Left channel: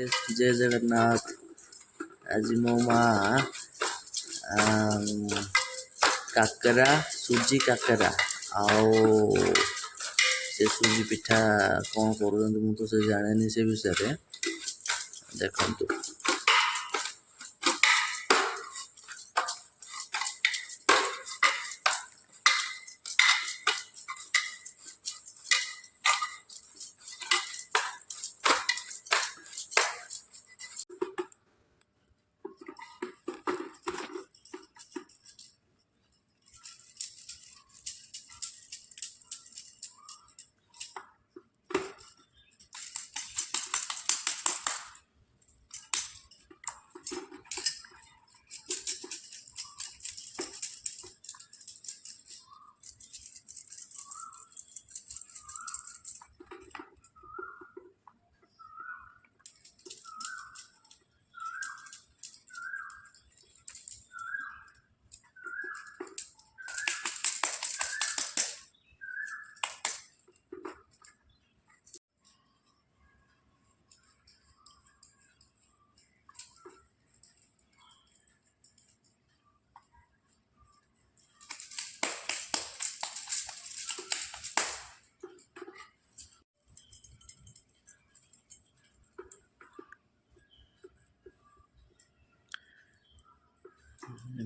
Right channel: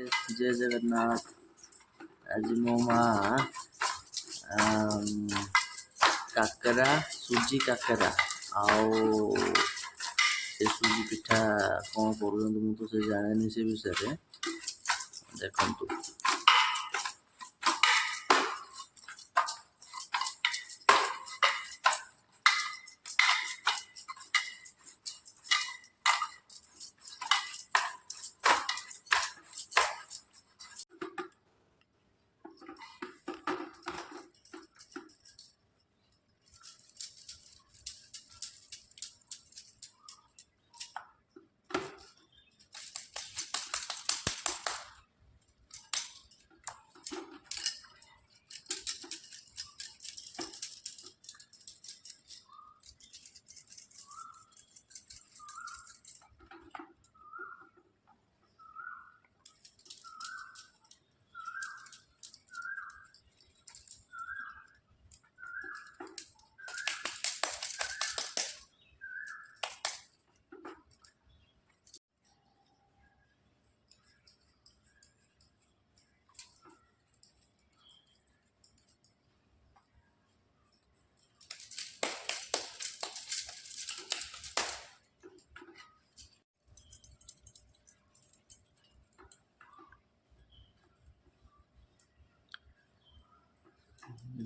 जय जगन्नाथ। आज मो माँ काकरा सुजी काकरा आउ से सुजी पिठा कौन कर मुझे तो जाने से विषय देखु।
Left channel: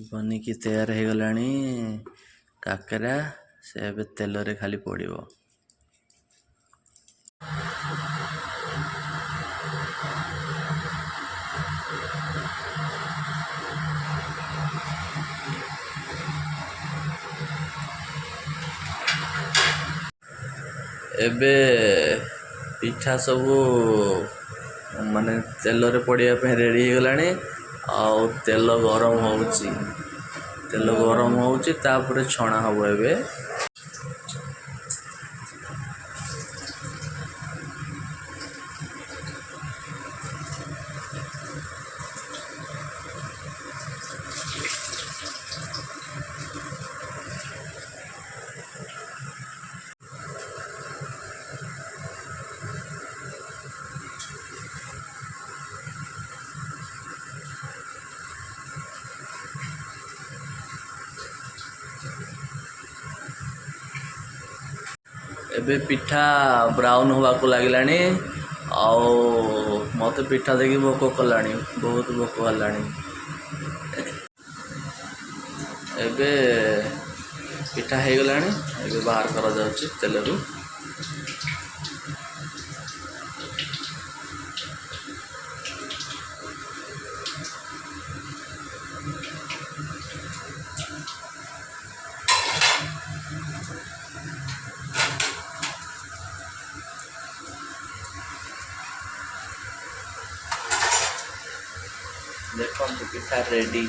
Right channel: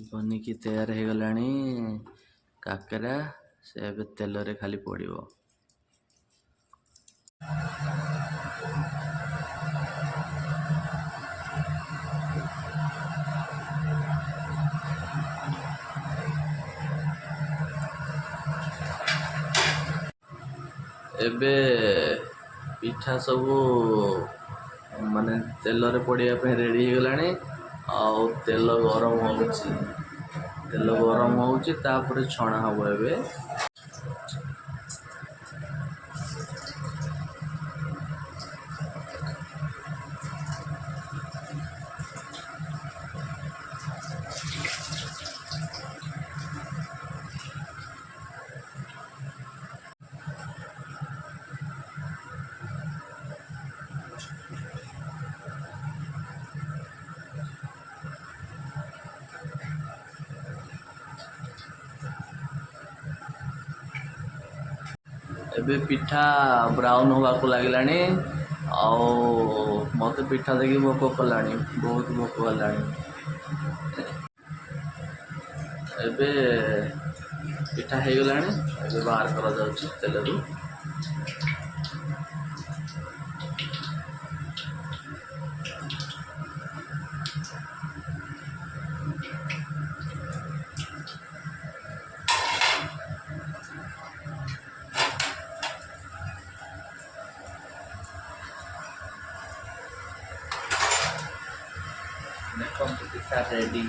बनिकी तैयार हो गलानी काकरा से अब तेल रे खाली पड़िबो। एबे पिठा सबू माने तेल रे पड़िया पे रेडी हो गलानी। आउ तेल गरम होउची, तेल गरम होउची तापर छणा हबो। एबे एबे पिठा ब्राउन होगा को लगिलानी। आउ मत पिठा देखी भोक कलानी, बहुत भोक कलानी। एबे पिठा हो गलानी। एबे बाहर करा जाउची तेल रु। देखो पिठा रेडी।